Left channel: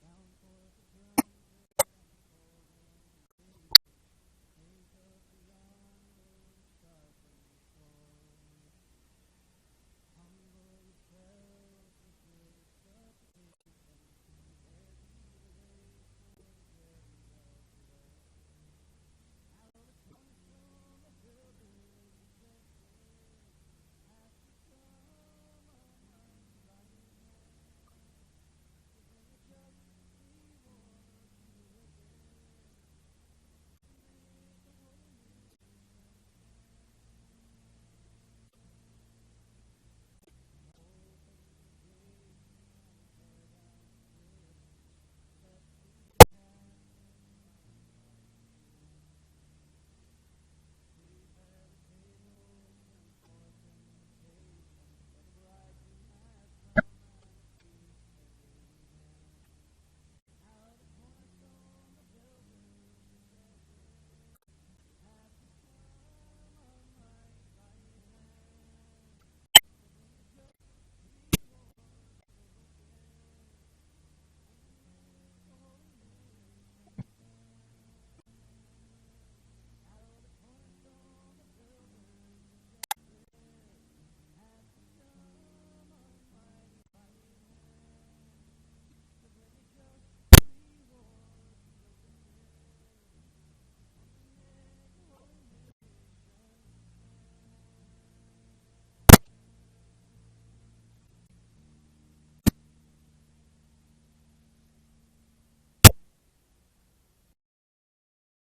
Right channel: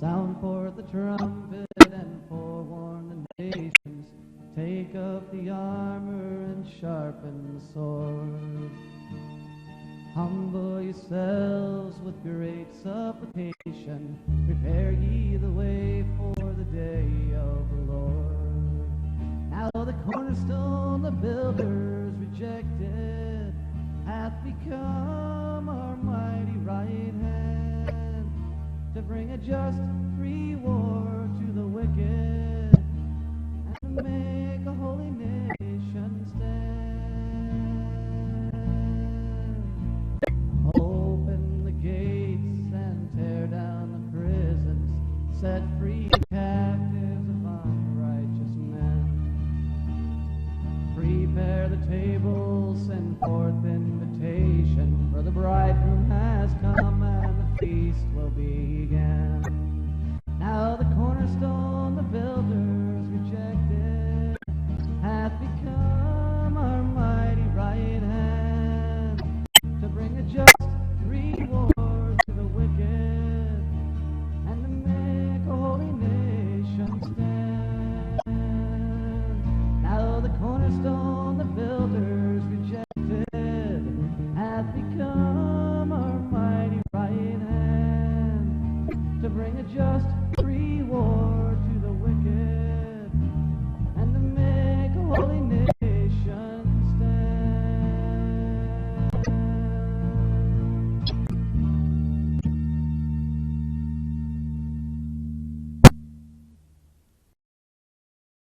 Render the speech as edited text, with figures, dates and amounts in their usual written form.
Sound forth the trumpet and forewarn the nations. Take up the armor and sharpen the sword. Humble yourselves with great supplication. Prepare ye the way for the day of the Lord. Now the cornerstone the builders rejected hath become our mighty right hand, to bring a just